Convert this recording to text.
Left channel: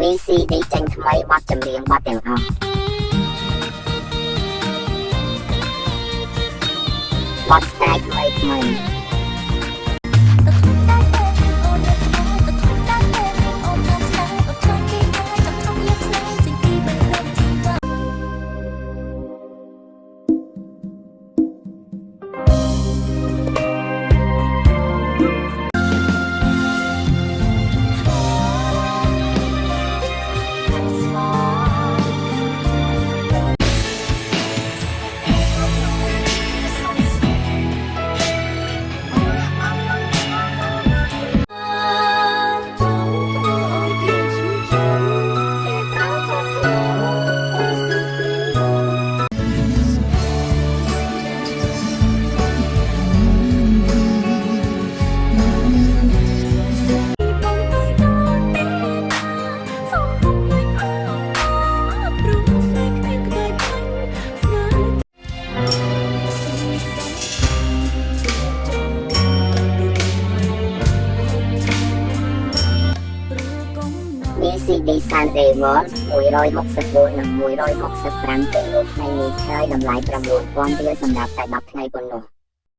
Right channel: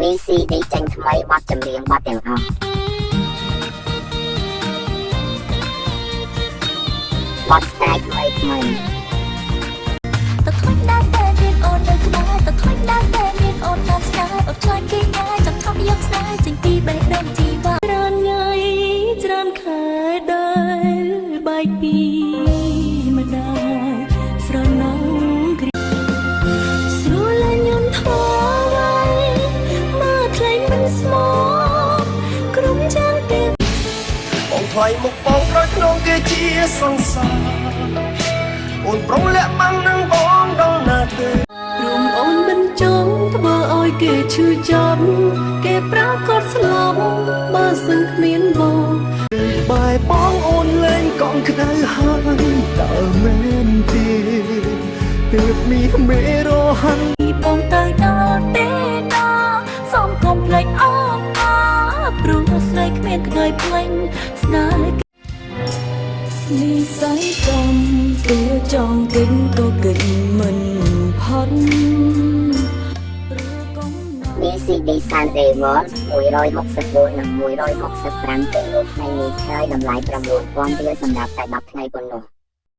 VCD ចេញថ្មីបទចម្រៀងបទទាំងអស់បទស្ទាយថ្មីថ្មីថ្លៃមកបងក្រោយក្នុងគេជាសង្សារអូនប្រុងលាក់បាំងនឹងបងដល់ណាទេព្រមអូនមិនចង់ធ្វើឲ្យគេឈឺចាប់គេប្រាកដស្លោបើសិនគ្មានបងបាយបងអូនលែងកង់ក្តៅហើយតើមែនទេទើបមានមេរហាំងបងទៅដល់ទេណាសូមគុំភ្លេចអងព្រោះស្នេហ៍គ្មានក្តីភ្លេចស្នេហ៍มีสายตรงตัวจองดึงตัวกึ่งมันพอนหรือกงนอน VCD Sunday World 164 និង165ពេលនោះថ្ងៃនេះឆ្លើយតម្លៃ 9,000 រៀលសម្រាប់តែ10ថ្ងៃប៉ុណ្ណោះ